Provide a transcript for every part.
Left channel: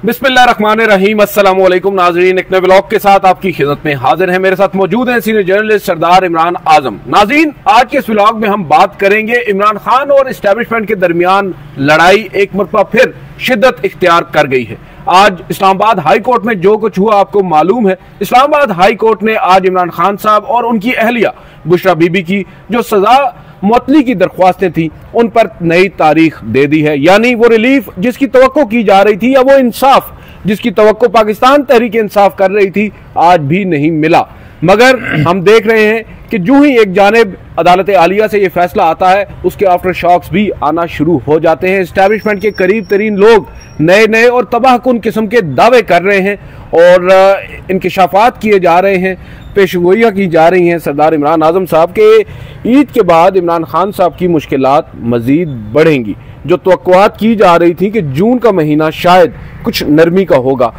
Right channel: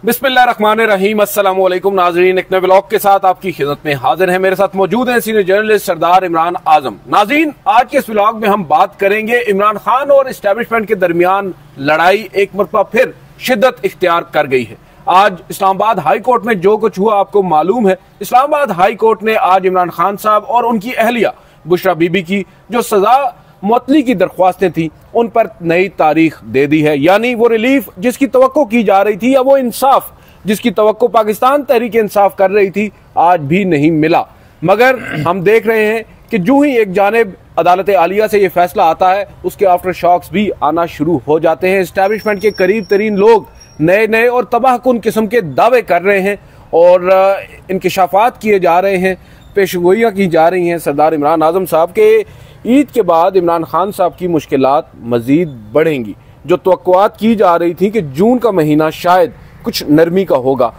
बिस्मिल्लाहिर्रहमानिर्रहीम। अस्सलाम वालेकुम नाज़रीन, एक नए व्लॉग के साथ आपकी खिदमत में हाजिर है। मेरे साथ मौजूद हैं सीनियर जर्नलिस्ट सरदार इमरान आजम। नाज़रीन, आज के इस व्लॉग में हम बात करेंगे इमरान खान और एस्टेब्लिशमेंट के दरमियान लड़ाई एक मरतबा फिर शिद्दत इख्तियार कर गई है। आज इस्लामाबाद हाई कोर्ट में जो कुछ हुआ आपको मालूम है। इस्लामाबाद हाई कोर्ट ने आज इमरान खान साहब और उनकी अहलिया बुशरा बीबी की जो सजा मुअत्तली की दरख्वास्तें थी उन पर नई तारीख दे दी है। यानी वो रिलीफ जिसकी तवक्को की जा रही थी या वो इंसाफ जिसकी तवक्को पाकिस्तान तहरीक इंसाफ कर रही थी आज भी नहीं मिला। मगर हम देख रहे हैं कि जो ही एक जानिब अदालत आलिया से ये फैसला आता है उसके आफ्टर शॉक्स भी आना शुरू हो जाते हैं। एस्टैब्लिशमेंट के करीब तरीन लोग नए नए और तबाहकुन किस्म के दावे कर रहे हैं और इंकिशाफात किए जा रहे हैं, पेशगोइयां की जा रही हैं सरदार इमरान आजम साहब के ईद के बाद इमरान खान साहब की मुश्किलात मजीद बढ़ेंगी। जो तवक्कुआत की जा रही थी कि जून का महीना शायद कुछ नरमी का होगा,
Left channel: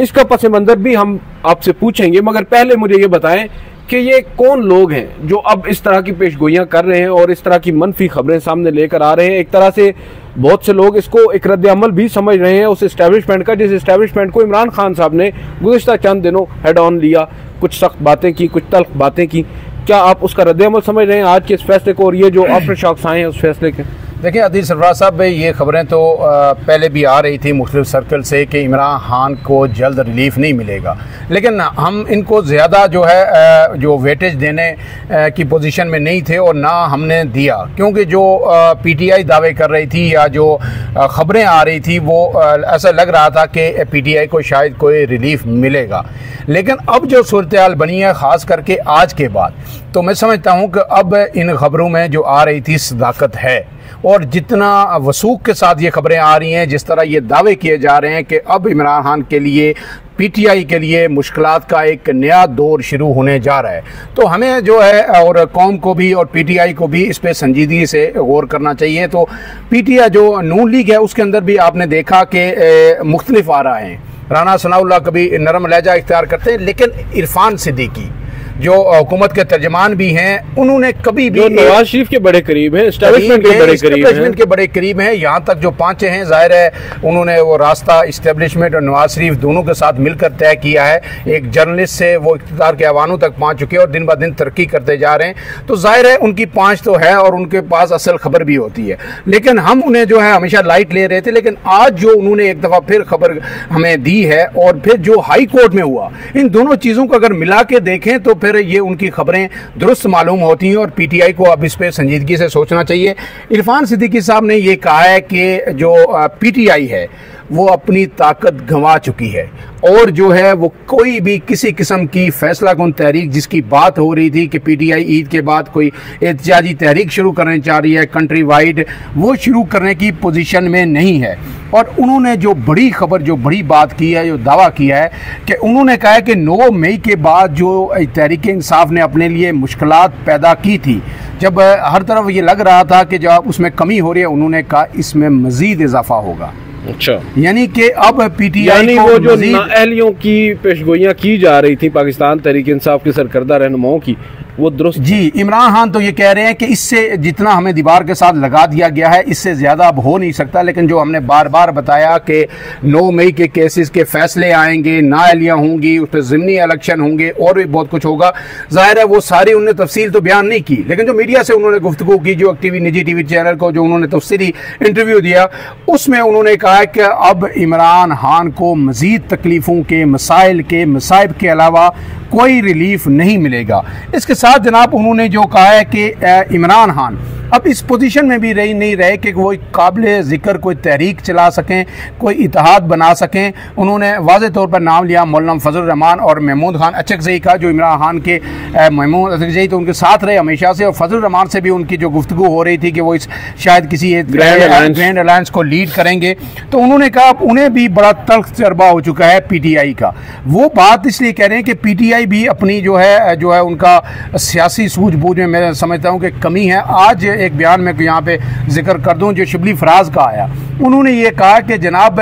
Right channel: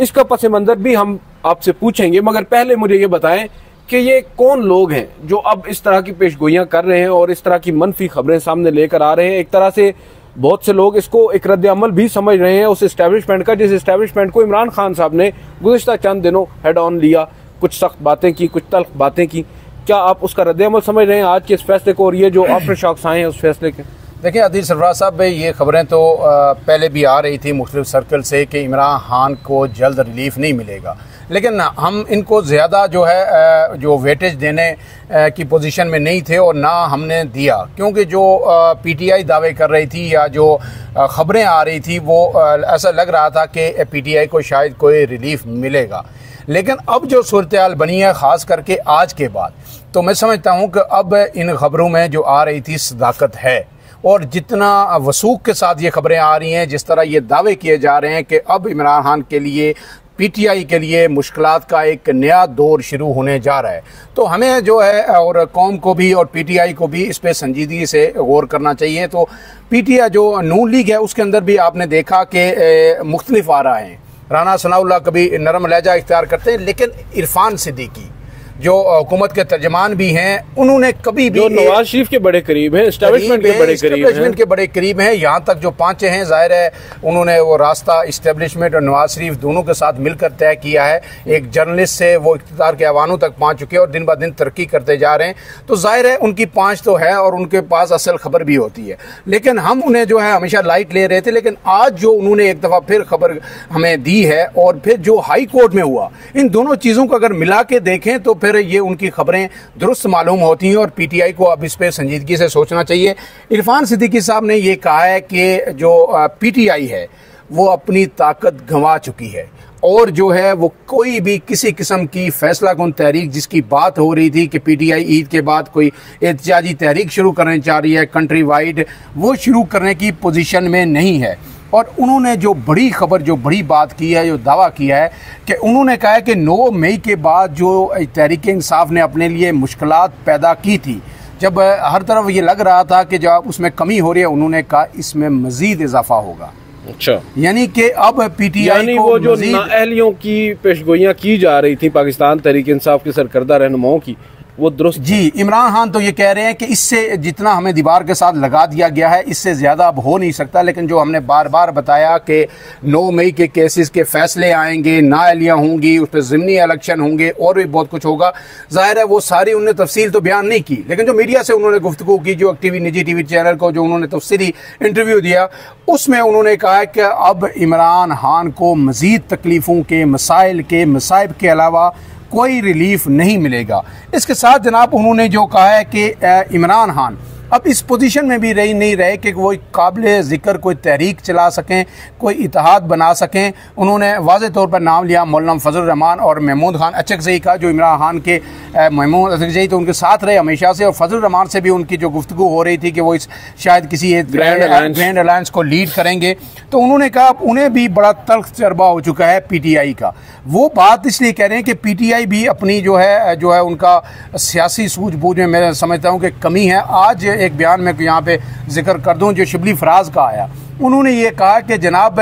इसका पस मंजर भी हम आपसे पूछेंगे। मगर पहले मुझे ये बताएं कि ये कौन लोग हैं जो अब इस तरह की पेशगोइयां कर रहे हैं और इस तरह की मनफी खबरें सामने लेकर आ रहे हैं। एक तरह से बहुत से लोग इसको एक रद्द अमल भी समझ रहे हैं उस एस्टैब्लिशमेंट का, जिस एस्टैब्लिशमेंट को इमरान खान साहब ने गुज़िश्ता चंद दिनों हेड ऑन लिया, कुछ सख्त बातें की, कुछ तल्ख बातें की। क्या आप उसका रद्द अमल समझ रहे हैं आज के इस फैसले को और ये जो आफ्टर शॉक्स आए हैं उस फैसले के? देखिए आदिल सरफराज साहब, ये खबरें तो पहले भी आ रही थी मुख्तलिफ सर्कल से कि इमरान खान को जल्द रिलीफ नहीं मिलेगा, लेकिन हम इनको ज़्यादा जो है जो वेटेज देने की पोजीशन में नहीं थे और ना हमने दिया, क्योंकि जो पीटीआई दावे कर रही थी या जो खबरें आ रही थी वो ऐसा लग रहा था कि पीटीआई को शायद कोई रिलीफ मिलेगा। लेकिन अब जो सूरत-ए-हाल बनी है ख़ास करके आज के बाद, तो मैं समझता हूँ कि अब इन खबरों में जो आ रही थी सदाकत है और जितना वसूख के साथ ये खबरें आ रही हैं, जिस तरह ये दावे किए जा रहे हैं कि अब इमरान खान के लिए पीटीआई के लिए मुश्किलात का एक नया दौर शुरू होने जा रहा है, तो हमें जो है और कौम को भी और पीटीआई को भी इस पे संजीदगी से गौर करना चाहिए। तो पीटीआई जो नून लीग है उसके अंदर भी आपने देखा कि मुख्तलिफ आ रहा है। राना सनाउल्लाह कभी नरम लहजा इख्तियार करते हैं, लेकिन इरफान सिद्दीकी जो हुकूमत के तर्जमान भी हैं, उन्होंने कभी भी नवाज शरीफ के बड़े करीब हैं, एस्टैब्लिशमेंट के बड़े करीब हैं, यहाँ तक जो पांचे हैं, जाहिर है उन्होंने वो रास्ता एस्टैब्लिशमेंट और नवाज शरीफ दोनों के साथ मिलकर तय किया है। एक जर्नलिस्ट से वो इख्तियार के ऐवानों तक पहुंच चुके हैं और दिन ब दिन तरक्की करते जा रहे हैं। तो जाहिर है उनकी पांच तो है और उनके पास असल खबर भी होती है, लेकिन हम उन्हें जो है हमेशा लाइट ले रहे थे। लेकिन आज जो उन्होंने एक दफा फिर खबर हमें दी है और फिर जो हाई कोर्ट में हुआ, इन दोनों चीजों को अगर मिला के देखें तो फिर ये उनकी खबरें दुरुस्त मालूम होती हैं और पीटीआई को अब इस पे संजीदगी से सोचना चाहिए। इरफान सिद्दीकी साहब ने ये कहा है कि जो पीटीआई है वो अपनी ताकत गंवा चुकी है और जो है वो कोई भी किसी किस्म की फैसला कुन तहरीक जिसकी बात हो रही थी कि पीटीआई ईद के बाद कोई एहतजाजी तहरीक शुरू करना चाह रही है कंट्री वाइड, वो शुरू करने की पोजीशन में नहीं है। और उन्होंने जो बड़ी खबर, जो बड़ी बात की है, जो दावा किया है कि उन्होंने कहा है कि 9 मई के बाद जो तहरीक इंसाफ ने अपने लिए मुश्किलात पैदा की थी, जब हर तरफ ये लग रहा था कि जब उसमें कमी हो रही है, उन्होंने कहा इसमें मजीद इजाफा होगा। अच्छा, यानी कि अब पीटीआई को वो जो नाअहलियों की पेशगोइयां की जा रही थी पाकिस्तान तहरीक इंसाफ के सरकर्दा रहनुमाओं की, वो दुरुस्त जी। इमरान खान तो ये कह रहे हैं कि इससे जितना हमें दीवार के साथ लगा दिया गया है इससे ज्यादा अब हो नहीं सकता। लेकिन जो हमने बार बार बताया कि 9 मई के केसेस के फैसले आएंगे, नाअहलियां होंगी, उस पर ज़िमनी इलेक्शन होंगे और भी बहुत कुछ होगा। जाहिर है वो सारी उन्होंने तफसील तो बयान नहीं की, लेकिन जो मीडिया से उन्होंने गुफ्तगू की, जो निजी टीवी चैनल को जो उन्होंने तफसीली इंटरव्यू दिया, उसमें उन्होंने कहा कि अब इमरान खान को मजीद तकलीफों के मसाइब के अलावा कोई रिलीफ नहीं मिलेगा। इसके साथ जनाब उन्होंने जो कहा है कि इमरान खान अब इस पोजीशन में भी नहीं रहे कि वो काबिल जिक्र कोई तहरीक चला सकें, कोई इत्तेहाद बना सकें। उन्होंने वाज़े तौर पर नाम लिया मौलाना फजल रहमान और महमूद खान अचकज़ई का, जो इमरान खान के महमूद अचकज़ई तो उनके साथ रहे हमेशा से, और फजल रहमान से भी उनकी जो गुफ्तगू हो रही थी कि वो इस शायद किसी ग्रैंड अलायंस को लीड करेंगे। तो उन्होंने कहा उन्हें भी बड़ा तल्ख तजर्बा हो चुका है पीटीआई का। वो बात इसलिए कह रहे हैं कि पीटीआई भी अपनी जो है उनका सियासी सूझबूझ में मैं समझता हूँ कि कमी है। आज एक बयान में यहाँ पे जिक्र कर दूं जो शिबली फराज का आया, उन्होंने ये कहा कि जनाब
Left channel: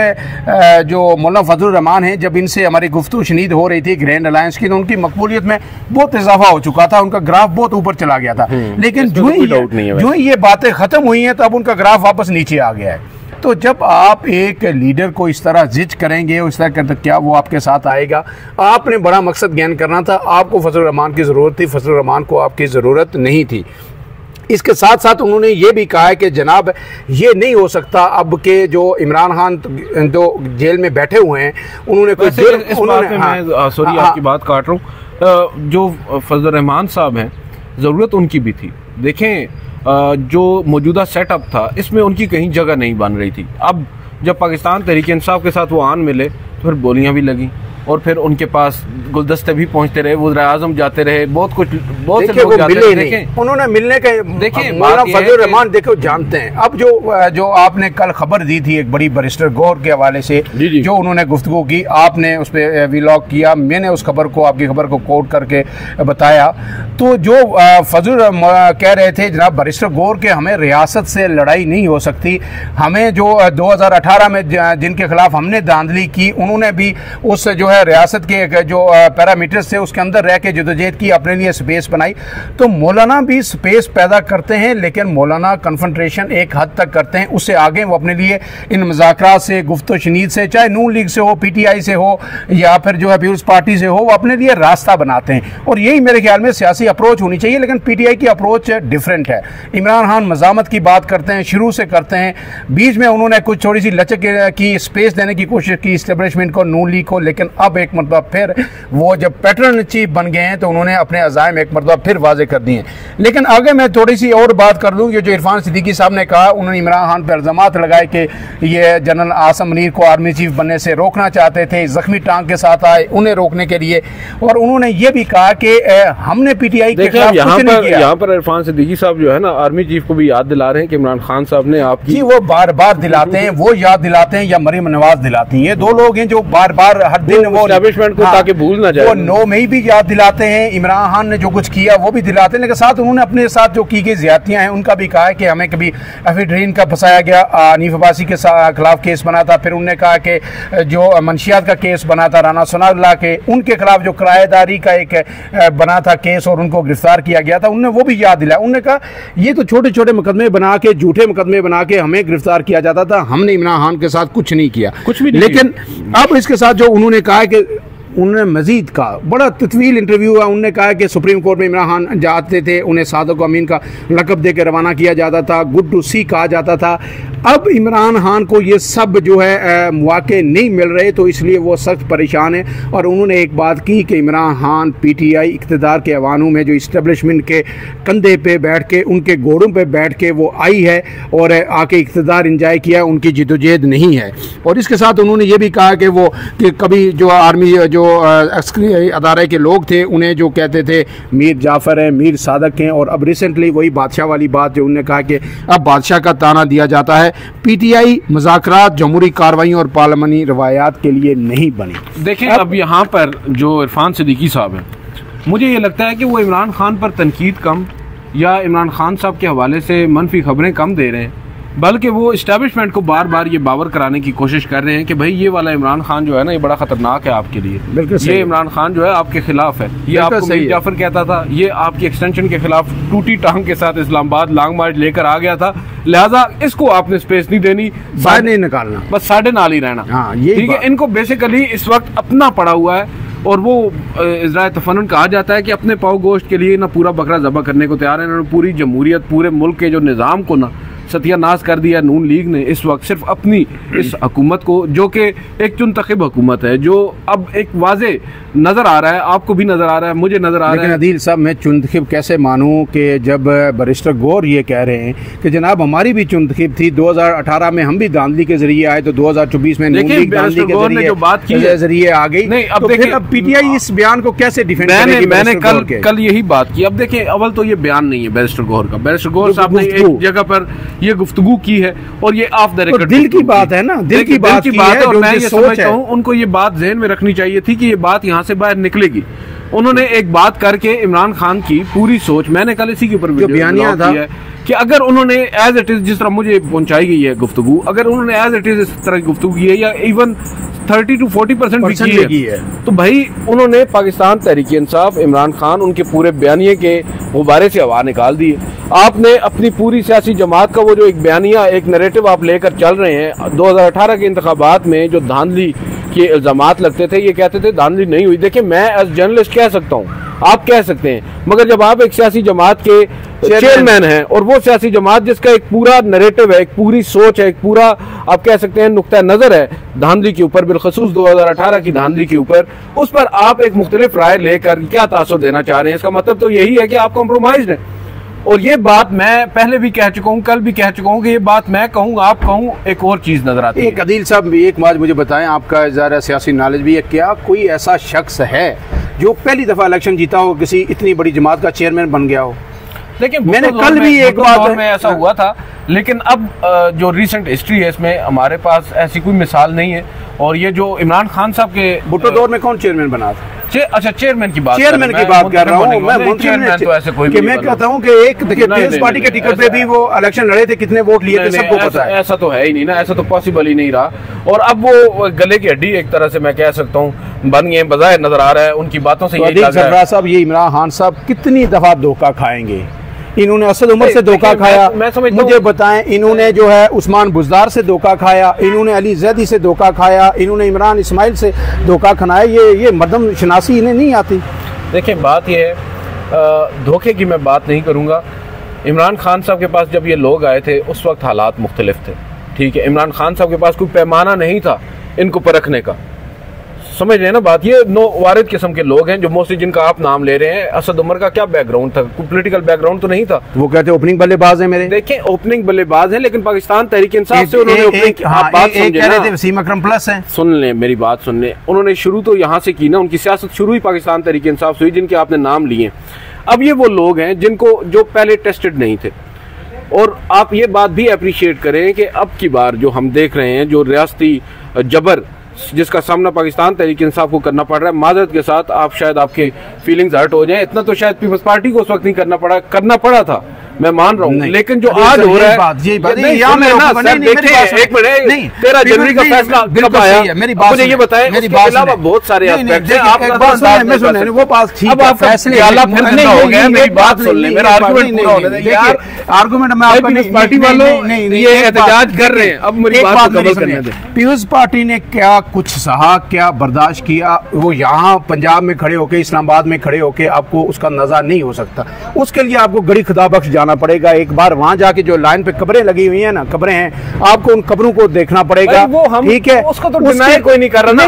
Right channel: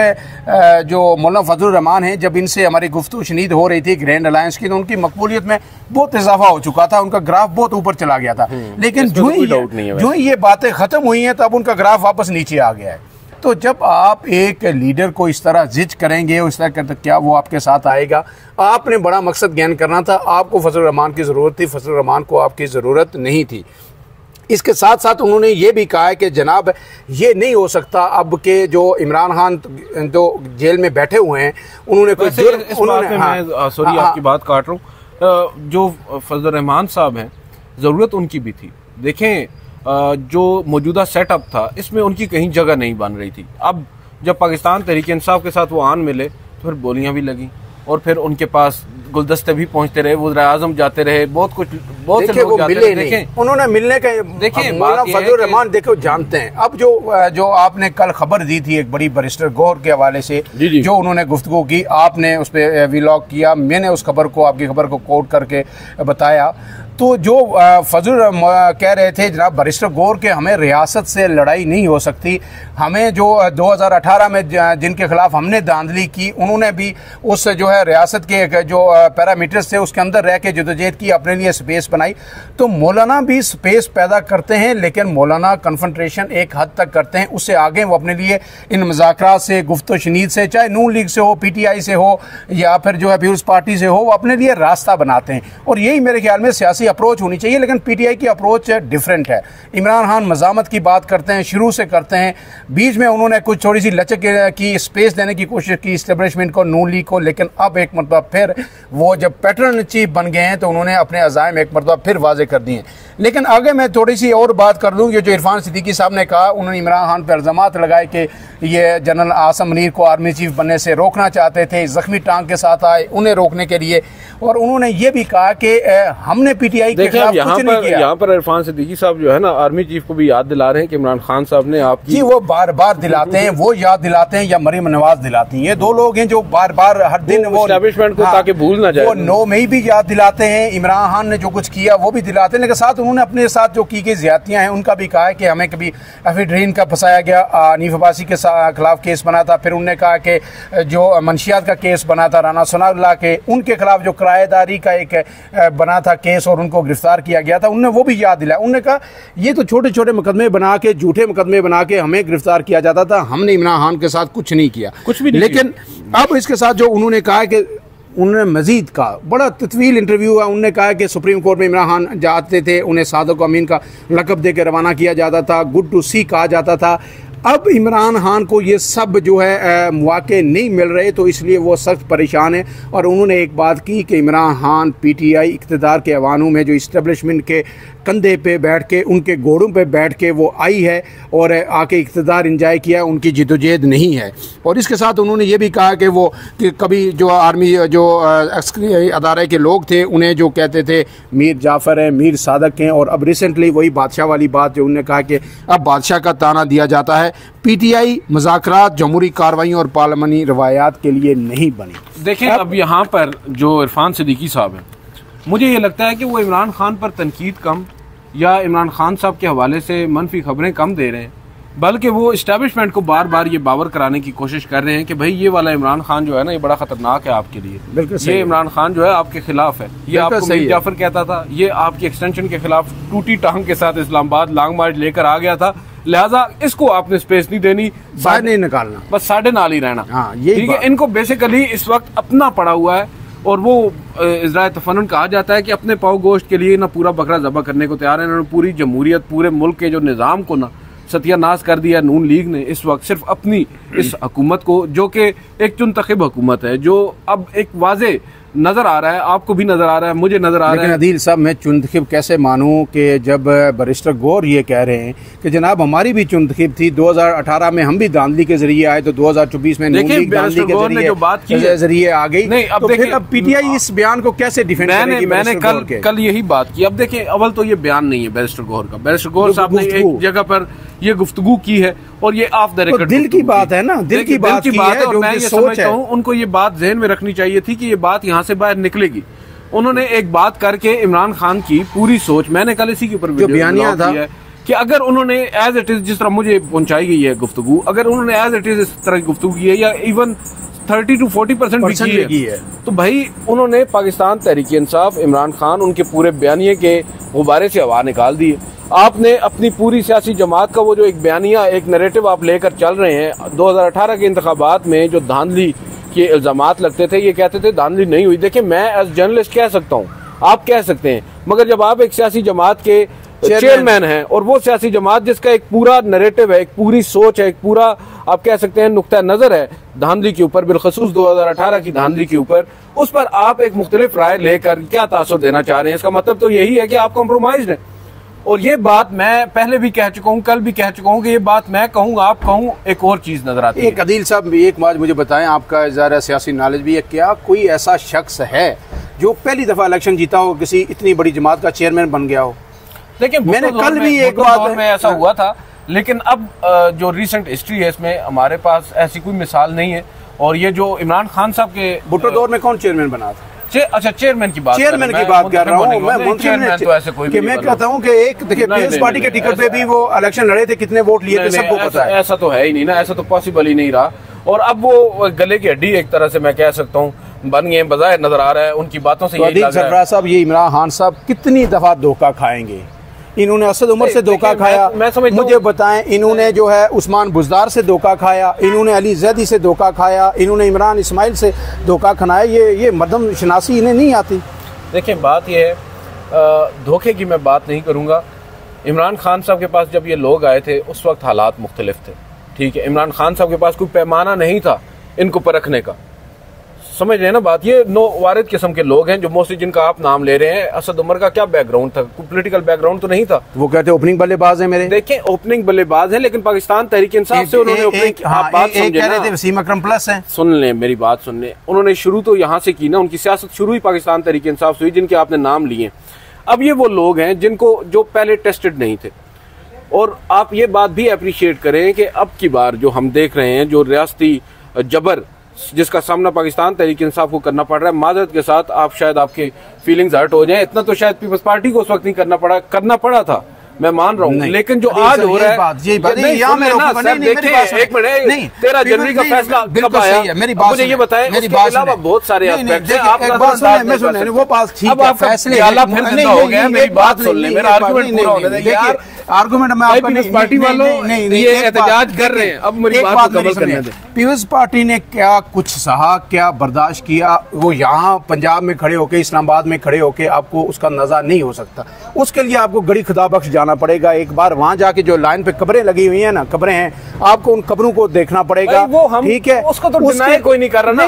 जो मौलाना फजल रहमान है, जब इनसे हमारी गुफ्तगू शनीद हो रही थी ग्रैंड अलायंस की, तो उनकी मकबूलियत में बहुत इजाफा हो चुका था, उनका ग्राफ बहुत ऊपर चला गया था। लेकिन जो ही ये बातें खत्म हुई हैं तब उनका ग्राफ वापस नीचे आ गया है। तो जब आप एक लीडर को इस तरह जिज करेंगे, उस तरह करते क्या वो आपके साथ आएगा? आपने बड़ा मकसद ज्ञान करना था, आपको फजलुर रहमान की जरूरत थी, फजलुर रहमान को आपकी जरूरत नहीं थी। इसके साथ साथ उन्होंने ये भी कहा है कि जनाब ये नहीं हो सकता अब के जो इमरान खान जो जेल में बैठे हुए हैं उन्होंने कोई जेल सॉरी आपकी बात काट रहा हूँ, जो फजलुर रहमान साहब हैं जरूरत उनकी भी थी। देखें जो मौजूदा सेटअप था इसमें उनकी कहीं जगह नहीं बन रही थी। अब जब पाकिस्तान तहरीक इंसाफ के साथ वो आन मिले तो फिर बोलियां भी लगी और फिर उनके पास गुलदस्ते भी पहुंचते रहे, वज़ीर आज़म जाते रहे, बहुत से लोग जाते रहे। देखें उन्होंने मिलने के देखिए फजलुर रहमान देखो जानते हैं। अब जो आपने कल खबर दी थी एक बड़ी बैरिस्टर गौर के हवाले से जो उन्होंने गुफ्तगू की, आपने उस पर व्लॉग किया, मैंने उस खबर को आपकी खबर को कोट करके बताया। तो जो फजल कह रहे थे जनाब बैरिस्टर गौर के हमें रियासत से लड़ाई नहीं हो सकती, हमें जो 2018 में जिनके खिलाफ हमने धांधली की उन्होंने भी उस जो है रियासत के जो पैरामीटर्स थे उसके अंदर रह के जदोजहद की, अपने लिए स्पेस बनाई। तो मौलाना भी स्पेस पैदा करते हैं लेकिन मौलाना कन्फ्रंट्रेशन एक हद तक करते हैं, उससे आगे वो अपने लिए इन मुज़ाकरात से, गुफ्तो शनीद से, चाहे नून लीग से हो, PTI से हो या फिर जो है पीपुल्स पार्टी से हो, वो अपने लिए रास्ता बनाते हैं। और यही मेरे ख्याल में सियासी अप्रोच होनी चाहिए। लेकिन PTI की अप्रोच डिफरेंट है। इमरान खान मज़ामत की बात करते हैं, शुरू से करते हैं, बीच में उन्होंने कुछ थोड़ी सी लचक की स्पेस देने की कोशिश की इस्टेब्लिशमेंट को, नून लीग को, लेकिन अब एक मरतबा फिर वो जब पैटर्न चीफ बन गए हैं तो उन्होंने अपने अज़ाइम एक मरतबा फिर वाजे कर दिए। लेकिन आगे मैं थोड़ी सी और बात कर लूँ, ये जो इरफान सिद्दीकी साहब ने कहा, उन्होंने इमरान खान पर इल्जामात लगाए कि ये जनरल आसम मुनीर को आर्मी चीफ बनने से रोकना चाहते थे, जख्मी टांग के साथ आए उन्हें रोकने के लिए। और उन्होंने ये भी कहा कि हमने PTI के खिलाफ कुछ नहीं किया। यहाँ पर इरफान सिद्दीकी साहब जो है ना आर्मी चीफ को भी याद दिला रहे हैं कि इमरान खान साहब ने आपकी जी वो बार बार दिलाते हैं, वो याद दिलाते हैं या मरीम नवाज दिलाती हैं। ये दो लोग हैं जो बार बार हर दिन वो एस्टैब्लिशमेंट को ताकि भूल ना जाए, वो 9 मई भी याद दिलाते हैं, इमरान खान ने जो कुछ किया वो भी दिलाते हैं। लेकिन साथ उन्होंने अपने साथ जो की गई ज्यादतियां हैं उनका भी कहा है कि हमें कभी एफिड्रीन का फंसाया गया, हनीफ अब्बासी के खिलाफ केस बना था, फिर उन्होंने कहा कि जो मंशियात का केस बना था राना सनाउल्लाह के, उनके खिलाफ जो किराएदारी का एक बना था केस और उनको गिरफ्तार किया गया था, उन्होंने वो भी याद दिलाया। उन्होंने कहा ये तो छोटे छोटे मुकदमे बना के, झूठे मुकदमे बना के हमें गिरफ्तार किया जाता था, हमने इमरान खान के साथ कुछ नहीं किया, कुछ भी नहीं। लेकिन अब इसके साथ जो उन्होंने कहा कि उन्होंने मजीद कहा, बड़ा तत्वील इंटरव्यू हुआ, उन्होंने कहा कि सुप्रीम कोर्ट में इमरान खान जाते थे, उन्हें सादक अमीन का लकब देकर रवाना किया जाता था, गुड टू सी कहा जाता था। अब इमरान खान को ये सब जो है मौके नहीं मिल रहे तो इसलिए वो सख्त परेशान है। और उन्होंने एक बात की कि इमरान खान PTI इक़्तिदार के अवानों में जो इस्टेब्लिशमेंट के कंधे पे बैठ के, उनके घोड़ों पे बैठ के वो आई है और आके इक़्तिदार इंजॉय किया, उनकी जिदोजहद नहीं है। और इसके साथ उन्होंने ये भी कहा कि वो कि कभी जो आर्मी जो अस्करी अदारे के लोग थे उन्हें जो कहते थे मीर जाफर हैं, मीर सादक हैं, और अब रिसेंटली वही बादशाह वाली बात जो उन्होंने कहा कि अब बादशाह का ताना दिया जाता है। PTI मुज़ाकरात, जमहूरी कार्रवाई और पार्लिमानी रवायात के लिए नहीं बनी। देखिए अब यहाँ पर जो इरफान सिद्दीकी साहब है, मुझे ये लगता है कि वो इमरान खान पर तनकीद कम या इमरान खान साहब के हवाले से मनफी खबरें कम दे रहे हैं, बल्कि वो इस्टेब्लिशमेंट को बार बार ये बावर कराने की कोशिश कर रहे हैं कि भाई ये वाला इमरान खान जो है ना ये बड़ा खतरनाक है आपके लिए, ये इमरान खान जो है आपके खिलाफ है, ये आपको मीर जाफर कहता था, ये आपकी एक्सटेंशन के खिलाफ टूटी टांग के साथ इस्लामाबाद लॉन्ग मार्च लेकर आ गया था, लिहाजा इसको आपने स्पेस नहीं देनी, बाहर नहीं निकालना, बस साढ़े नाल ही रहना। ठीक है, इनको बेसिकली इस वक्त अपना पड़ा हुआ है और वो इज़राए तफन्नुन कहा जाता है कि अपने पाव गोश्त के लिए ना पूरा बकरा ज़बह करने को तैयार है, ना पूरी जमहूरियत, पूरे मुल्क के जो निज़ाम को ना सत्यानाश कर दिया नून लीग ने इस वक्त सिर्फ अपनी इस हुकूमत को, जो कि एक चुनतखब हुकूमत है, जो अब एक वाजे नजर आ रहा है, आपको भी नजर आ रहा है, मुझे नजर आ रहा है। अदील साहब मैं चुनतखब कैसे मानूं कि जब बैरिस्टर गौर ये कह रहे हैं कि जनाब हमारी भी चुनतखब थी, 2018 में हम भी धांधली के जरिए आए तो 2024 में नून लीग धांधली के जो बात की जरिए आ गई। नहीं अब देखिए अब PTI इस बयान को कैसे डिफेंड करेगी? मैंने कल यही बात की। अब देखिए अव्वल तो ये बयान नहीं है बैरिस्टर गौर का, बैरिस्टर गौर साहब ने एक जगह पर ये गुफ्तगू की है और ये ऑफ द रिकॉर्ड दिल की बात है ना, दिल की बात है और मैं ये समझता हूँ उनको ये बात ज़हन में रखनी चाहिए थी कि ये बात यहाँ से बाहर निकलेगी। उन्होंने एक बात करके इमरान खान की पूरी सोच, मैंने कल इसी के ऊपर जो बयानिया था कि अगर उन्होंने एज इट इज जिस तरह मुझे पहुंचाई गई है गुफ्तगू, अगर उन्होंने एज इट इज इस तरह की गुफ्तगू की है या इवन 30 to 40% बिकी है। तो भाई उन्होंने पाकिस्तान तहरीक इंसाफ, इमरान खान, उनके पूरे बयानिए के गुब्बारे से हवा निकाल दी। आपने अपनी पूरी सियासी जमात का वो जो एक बयानिया, एक नैरेटिव आप लेकर चल रहे हैं, 2018 के इंतखाबात में जो धांधली के इल्जामात लगते थे, ये कहते थे धांधली नहीं हुई। देखिए, मैं एज जर्नलिस्ट कह सकता हूँ, आप कह सकते हैं, मगर जब आप एक सियासी जमात के चेयरमैन हैं और वो सियासी जमात जिसका एक पूरा नैरेटिव है, एक पूरी सोच है, एक पूरा आप कह सकते हैं नुक्ता नजर है धांधली के ऊपर, बिलखसूस 2018 की धांधली के ऊपर, उस पर आप एक मुख्तलिफ राय लेकर क्या तासुर देना चाह रहे हैं, इसका मतलब तो यही है कि आप कॉम्प्रोमाइज्ड हैं। और ये बात मैं पहले भी कह चुका हूँ, कल भी कह चुका हूँ कि ये बात मैं कहूँ, आप कहूँ, एक और चीज नजर आती है। अदील साहब, एक बात मुझे बताएं, आपका ज़रा सियासी नॉलेज भी है, क्या कोई ऐसा शख्स है जो पहली दफा इलेक्शन जीता हो, किसी इतनी बड़ी जमात का चेयरमैन बन गया हो? देखिए, मैंने कल भी एक बात में ऐसा हुआ था, लेकिन अब जो रिसेंट हिस्ट्री है इसमें हमारे पास ऐसी कोई मिसाल नहीं है। और ये जो इमरान खान साहब के भुट्टो दौर में कौन चेयरमैन बना था? अच्छा, चेयरमैन की बात कर रहा हूँ मैं। चेयरमैन तो ऐसे कोई, मैं कहता हूँ कि एक देखिए, पीपल्स पार्टी के टिकट पे भी वो इलेक्शन लड़े थे, कितने वोट लिए थे सबको पता है। ऐसा तो है ही नहीं ना, ऐसा तो पॉसिबल ही नहीं रहा। और अब वो गले की हड्डी एक तरह से मैं कह सकता हूँ बन गए, बजाय नजर आ रहा है उनकी बातों से। सरफराज साहब, ये इमरान खान साहब कितनी दफा धोखा खाएंगे? इन्होंने असद उमर से धोखा खाया, मुझे बताएं, इन्होंने जो है उस्मान बुजदार से धोखा खाया, इन्होंने अली जैदी से धोखा खाया, इन्होंने इमरान इस्माइल से धोखा खाया। ये मर्दम शनासी इन्हें नहीं आती। देखिए, बात ये है, धोखे की मैं बात नहीं करूंगा। इमरान खान साहब के पास जब ये लोग आए थे उस वक्त हालात मुख्तलिफ थे, ठीक है। इमरान खान साहब के पास कोई पैमाना नहीं था इनको परखने का, समझ रहे हैं ना बात। ये नो वारिद किस्म के लोग हैं जो मोस्टली जिनका आप नाम ले रहे हैं। असद उमर का क्या बैकग्राउंड था? कोई पॉलिटिकल बैकग्राउंड तो नहीं था। वो कहते हैं ओपनिंग बल्लेबाज है मेरे। देखिए, ओपनिंग बल्लेबाज है, लेकिन पाकिस्तान तहरीक इंसाफ से उन्होंने वसीम अकरम प्लस है। सुन लें मेरी बात, सुन लें। उन्होंने शुरू तो यहाँ से की ना, उनकी सियासत शुरू ही पाकिस्तान तहरीक इंसाफ से हुई, जिनके आपने नाम लिए। अब ये वो लोग हैं जिनको जो पहले टेस्टेड नहीं थे। और आप ये बात भी अप्रिशिएट करें कि अब की बार जो हम देख रहे हैं, जो रियासती जबर जिसका सामना पाकिस्तान तहरीक इंसाफ को करना पड़ रहा है, मादरत के साथ आप शायद आपके फीलिंग्स हर्ट हो जाएं, इतना तो शायद पीपल्स पार्टी को उस वक्त नहीं करना पड़ा था, मैं मान रहा हूँ। लेकिन जो आज हो रहा है, 13 जनवरी का फैसला कब आया, मुझे ये बताएं। उसके अलावा बहुत सारे एस्पेक्ट्स हैं। वो पास ठीक है, फैसले हो गया। मेरी बात सुन लें, मेरा आर्गुमेंट पूरा होने दें यार। आर्गुमेंट में आपका पीपल्स पार्टी वालों ये एहतजाज कर रहे हैं, अब मेरी बात नहीं करने दें। पीपल्स पार्टी ने क्या कुछ सहा, क्या बर्दाश्त किया, वो यहाँ पंजाब में खड़े होके, इस्लामाबाद में खड़े होके आपको उसका नजर नहीं हो सकता। उसके लिए आपको गड़ी खुदा बख्श जाना पड़ेगा। एक बार वहां जाके जो लाइन पे कब्रें लगी हुई है ना, कब्रें हैं, आपको उन कब्रों को देखना पड़ेगा, ठीक है। उसको तो डिनाई कोई नहीं कर रहा ना।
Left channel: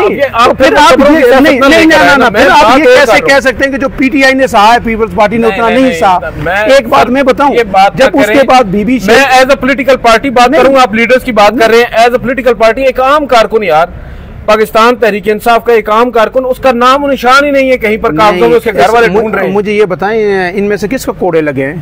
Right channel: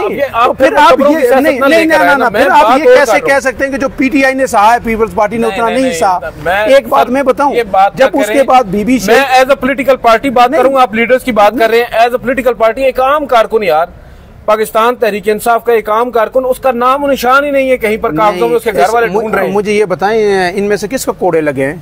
फिर आप ये कैसे कह सकते हैं कि जो पीटीआई ने सहा है पीपल्स पार्टी ने उतना नहीं सहा? एक बात मैं बताऊं, जब उसके बाद बीबी मैं एज अ पोलिटिकल पार्टी बात करूंगा, आप लीडर्स की बात कर रहे हैं। एज अ पोलिटिकल पार्टी एक आम कारकुन, यार पाकिस्तान तहरीक इंसाफ का एक आम कारकुन, उसका नाम निशान ही नहीं है कहीं पर, कागजों में उसके घर वाले ढूंढ रहे हैं। मुझे ये बताएं, इनमें से किसको कोड़े लगे हैं?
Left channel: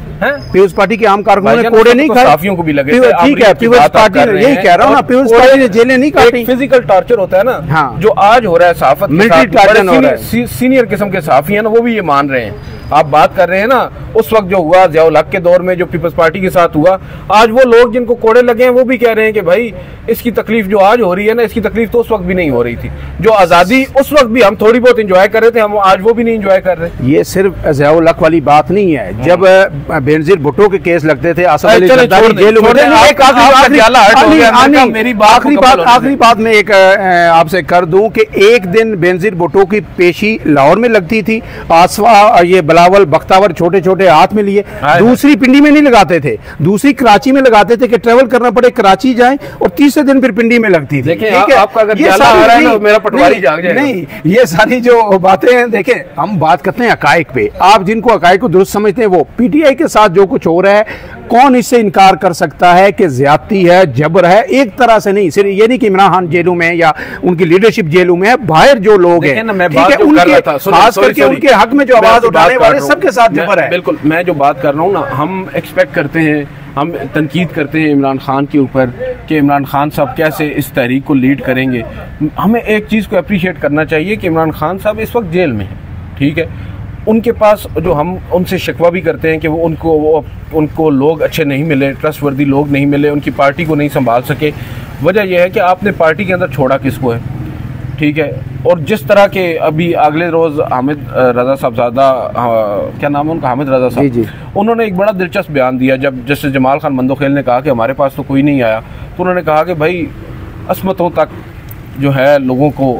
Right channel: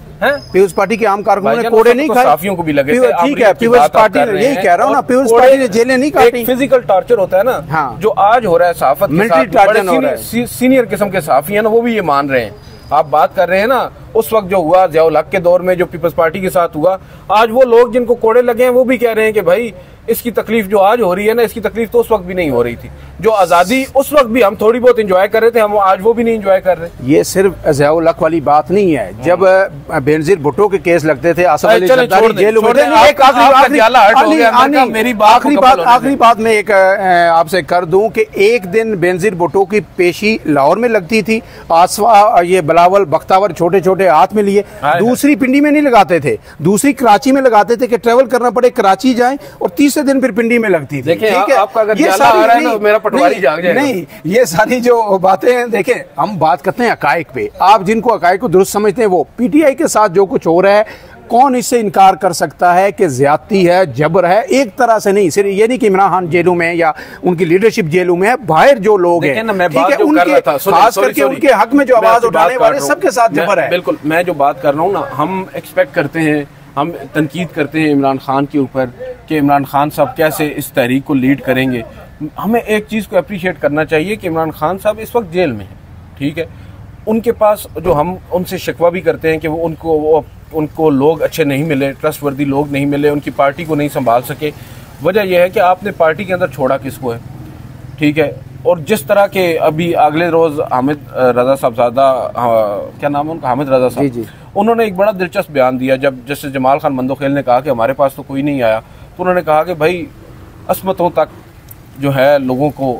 पीपल्स पार्टी के आम कारकुनों ने कोड़े नहीं खाए, साफियों को भी लगे। ठीक है, पीपल्स पार्टी ने, यही कह रहा हूँ ना, पीपल्स पार्टी ने जेलें नहीं काटी। फिजिकल टॉर्चर होता है ना, हाँ, जो आज हो रहा है सहाफत, मिलिट्री टॉर्चर हो रहा है। सीनियर किस्म के सहाफी है ना, वो भी ये मान रहे हैं। आप बात कर रहे हैं ना, उस वक्त जो हुआ ज़ियाउल हक के दौर में, जो पीपल्स पार्टी के साथ हुआ, आज वो लोग जिनको कोड़े लगे हैं वो भी कह रहे हैं कि भाई इसकी तकलीफ जो आज हो रही है ना, इसकी तकलीफ तो उस वक्त भी नहीं हो रही थी। जो आजादी उस वक्त भी हम थोड़ी बहुत एंजॉय कर रहे थे, हम आज वो भी नहीं एंजॉय कर रहे। ये सिर्फ ज़ियाउल हक वाली बात नहीं है। जब बेनजीर भुट्टो के केस लगते थे, आसिफ अली जरदारी जेल में, आखिरी बात मैं एक आपसे कर दूं कि एक दिन बेनजीर भुट्टो की पेशी लाहौर में लगती थी, आसवा ये बिलावल बख्तावर छोटे छोटे हाथ में लिए, दूसरी पिंडी में नहीं लगाते थे, दूसरी कराची में लगाते थे कि ट्रेवल करना पड़े, कराची जाएं, और तीसरे दिन फिर पिंडी में लगती थी। नहीं, ये सारी जो बातें हैं, देखें हम बात करते हैं हकायक पे। आप जिनको हकायक को दुरुस्त समझते हैं, वो पीटीआई के साथ जो कुछ हो रहा है, कौन इससे इनकार कर सकता है कि ज्यादती है, जबर है? एक तरह से नहीं, सिर्फ ये नहीं कि इमरान खान जेलों में या उनकी लीडरशिप जेलों में है, बाहर जो लोग हैं, खास करके उनके हक में जो आवाज उठाने वाले, सबके साथ जबर है। बिल्कुल, मैं जो बात कर रहा हूँ ना, हम एक्सपेक्ट करते हैं, हम तनकीद करते हैं इमरान खान के ऊपर कि इमरान खान साहब कैसे इस तहरीक को लीड करेंगे। हमें एक चीज को अप्रिशिएट करना चाहिए कि इमरान खान साहब इस वक्त जेल में है, ठीक है। उनके पास जो हम उनसे शिकवा भी करते हैं कि वो उनको लोग अच्छे नहीं मिले, ट्रस्टवर्दी लोग नहीं मिले, उनकी पार्टी को नहीं संभाल सके। वजह यह है कि आपने पार्टी के अंदर छोड़ा किसको है? ठीक है। और जिस तरह के अभी अगले रोज हामिद रजा साहबजादा, क्या नाम है उनका, हामिद रजा साहब जी, उन्होंने एक बड़ा दिलचस्प बयान दिया। जब जस्टिस जमाल खान मंदोखेल ने कहा कि हमारे पास तो कोई नहीं आया, तो उन्होंने कहा कि भाई असमतों तक जो है लोगों को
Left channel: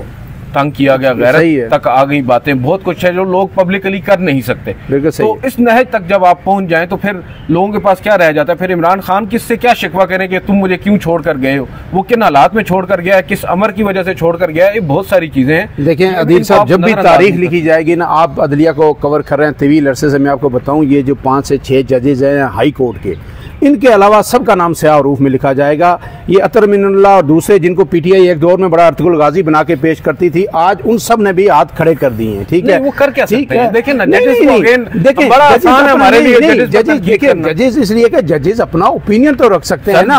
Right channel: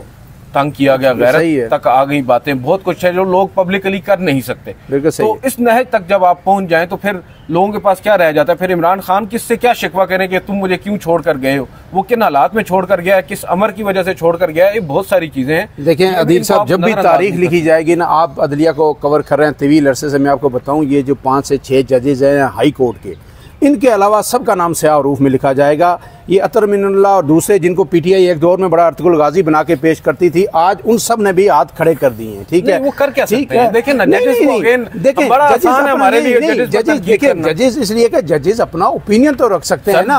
तंग किया गया, गैरत तक आ गई बातें, बहुत कुछ है जो लोग पब्लिकली कर नहीं सकते। तो इस नहज तक जब आप पहुंच जाएं तो फिर लोगों के पास क्या रह जाता है? फिर इमरान खान किससे क्या शिकवा करें कि तुम मुझे क्यों छोड़कर गए हो, वो किन हालात में छोड़कर गया है, किस अमर की वजह से छोड़कर गया है, ये बहुत सारी चीजें हैं। देखें अदील साहब, जब भी तारीख लिखी जाएगी ना, आप अदलिया को कवर कर रहे हैं तवील अरसे से, मैं आपको बताऊं ये जो 5 से 6 जजेज हैं हाई कोर्ट के, इनके अलावा सबका नाम स्याह रूफ में लिखा जाएगा। ये अतर मिनल्लाह और दूसरे जिनको पीटीआई एक दौर में बड़ा अर्तुगरुल गाजी बना के पेश करती थी, आज उन सब ने भी हाथ खड़े कर दिए हैं। ठीक है, वो कर क्या सकते हैं? देखिए ना, देखिए बड़ा आसान है हमारे लिए जजेस। देखिए जजेस इसलिए कि जजेस अपना ओपिनियन तो रख सकते हैं ना,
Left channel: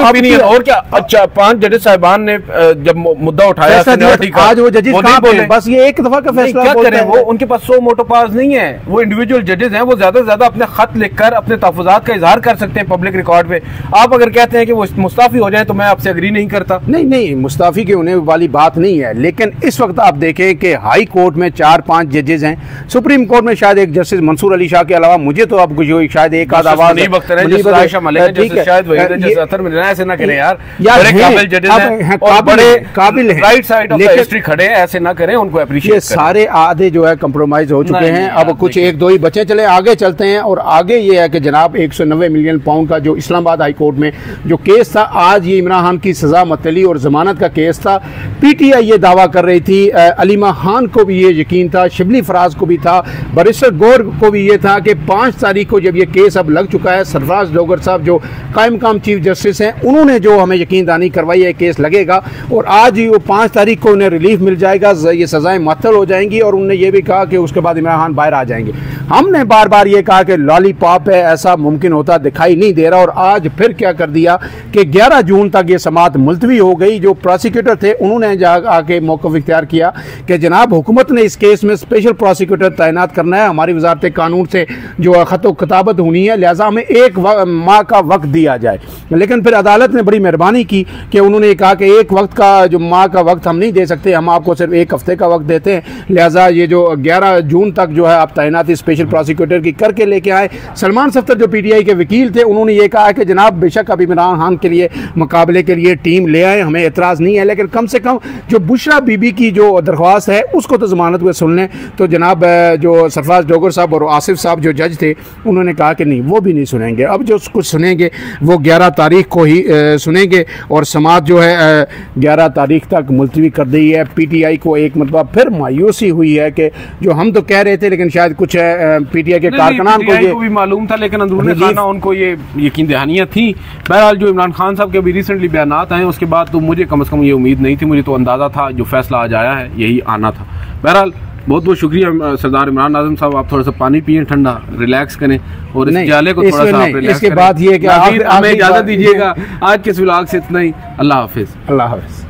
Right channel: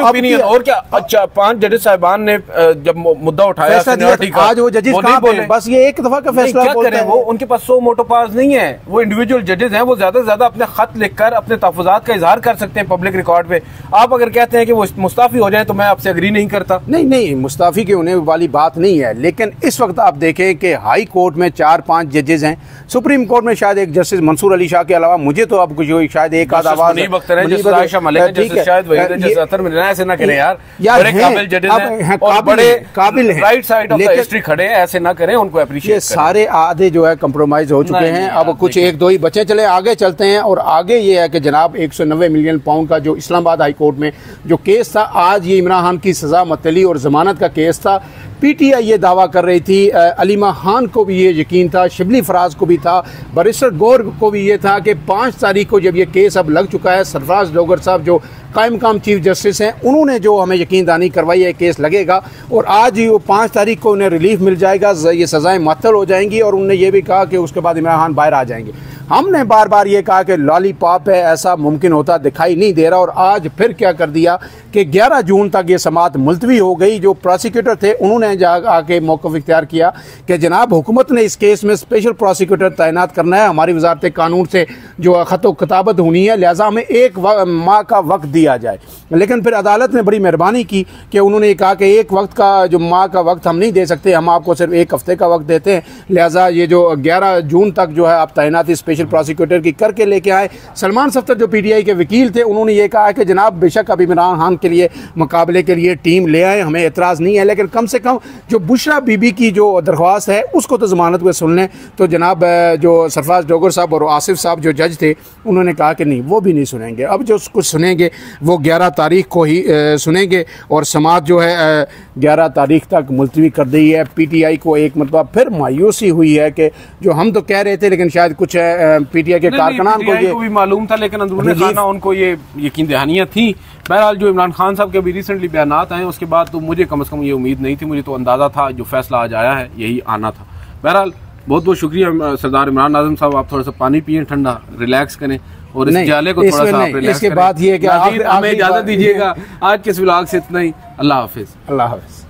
ओपिनियन। और क्या? अच्छा, 5 जजेस साहिबान ने जब मुद्दा उठाया आज वो जजेस कहाँ बोले? बस ये एक दफा का फैसला क्या करें? वो उनके पास 100 मोटोपाज नहीं है, वो इंडिविजुअल जजेस हैं, वो ज्यादा से ज्यादा अपने खत लिखकर अपने तहफुजात का इजहार कर सकते हैं पब्लिक रिकॉर्ड में। आप अगर कहते हैं कि वो मुस्ताफी हो जाए तो मैं आपसे एग्री नहीं करता। नहीं, मुस्ताफी के होने वाली बात नहीं है, लेकिन इस वक्त आप देखें कि हाई कोर्ट में 4-5 जजेस हैं, सुप्रीम कोर्ट में शायद एक जस्टिस मंसूर अली शाह के अलावा मुझे तो अब शायद एक आध आवाज ऐसे ना करें यार, काबिल है, राइट साइड ऑफ हिस्ट्री खड़े हैं, ऐसे ना करें, उनको अप्रिशिएट। सारे आधे जो है कंप्रोमाइज हो चुके हैं, अब कुछ 1-2 ही बचे, चले आगे चलते हैं। और आगे ये है कि जनाब 190 मिलियन पाउंड का जो इस्लामाबाद हाई कोर्ट में जो केस था, आज ये इमरान खान की सजा मतली और जमानत का केस था। पीटीआई ये दावा कर रही थी, अलीमा खान को भी ये यकीन था, शिबली फराज को भी था, बैरिस्टर गौर को भी ये था कि 5 तारीख को जब ये केस अब लग चुका है, सरफराज डोगर साहब जो कायम काम चीफ जस्टिस हैं, उन्होंने जो हमें यकीनदानी करवाई है केस लगेगा और आज ही वो 5 तारीख को उन्हें रिलीफ मिल जाएगा, ये सजाएं मुअत्तल हो जाएंगी। और उन्होंने ये भी कहा कि उसके बाद इमरान खान बाहर आ जाएंगे। हमने बार बार ये कहा कि लॉलीपॉप है, ऐसा मुमकिन होता दिखाई नहीं दे रहा। और आज फिर क्या कर दिया कि 11 जून तक ये समाअत मुलतवी हो गई। जो प्रोसिक्यूटर थे उन्होंने आके मौक़िफ़ इख्तियार किया कि जनाब हुकूमत ने इस केस में स्पेशल प्रोसिक्यूटर तैनात करना है, हमारी वजारत कानून से जो खत किताबत होनी है, लिहाजा हमें 1 माह का वक्त दिया जाए। लेकिन फिर अदालत ने बड़ी मेहरबानी की कि उन्होंने कहा कि 1 वक्त का जो माह का वक्त हम नहीं दे सकते, हम आपको सिर्फ 1 हफ्ते का वक्त देते हैं, लिहाजा ये जो 11 जून तक जो है आप तैनाती स्पेशल प्रोसिक्यूटर की करके लेके आए। सलमान सफ्तर जो पीटीआई के वकील थे उन्होंने ये कहा कि जनाब बेशक अब इमरान खान के लिए मुकाबले के लिए टीम ले आए, हमें एतराज नहीं है, लेकिन कम से कम जो बुशरा बीबी की जो दरख्वास्त है उसको तो जमानत में सुन लें। तो जनाब जो सरफराज डोगर साहब और आसिफ साहब जो जज थे उन्होंने कहा कि नहीं, वो भी नहीं सुनेंगे, अब जो कुछ सुनेंगे वो 11 तारीख को ही सुनेंगे। और समाअत जो है 11 तारीख तक मुलतवी कर दी है। पीटीआई को एक मतलब फिर मायूसी हुई है कि जो हम तो कह रहे थे, लेकिन शायद कुछ पीटीआई के कारकुनान को भी मालूम था, लेकिन अंदरूनी खाना उनको ये यकीन दहानियां थी। बहरहाल जो इमरान खान साहब के अभी रिसेंटली बयानात आए उसके बाद तो मुझे कम से कम ये उम्मीद नहीं थी, मुझे तो अंदाजा था जो फैसला आज आया है यही आना था। बहरहाल बहुत बहुत शुक्रिया सरदार इमरान आजम साहब, आप थोड़ा सा पानी पिए, ठंडा रिलैक्स करें और इस जाले को थोड़ा सा रिलैक्स करें। इसके बाद ये कि हमें इजाजत दीजिएगा। आज के इस व्लॉग से इतना ही। अल्लाह हाफिज। अल्लाह हाफिज।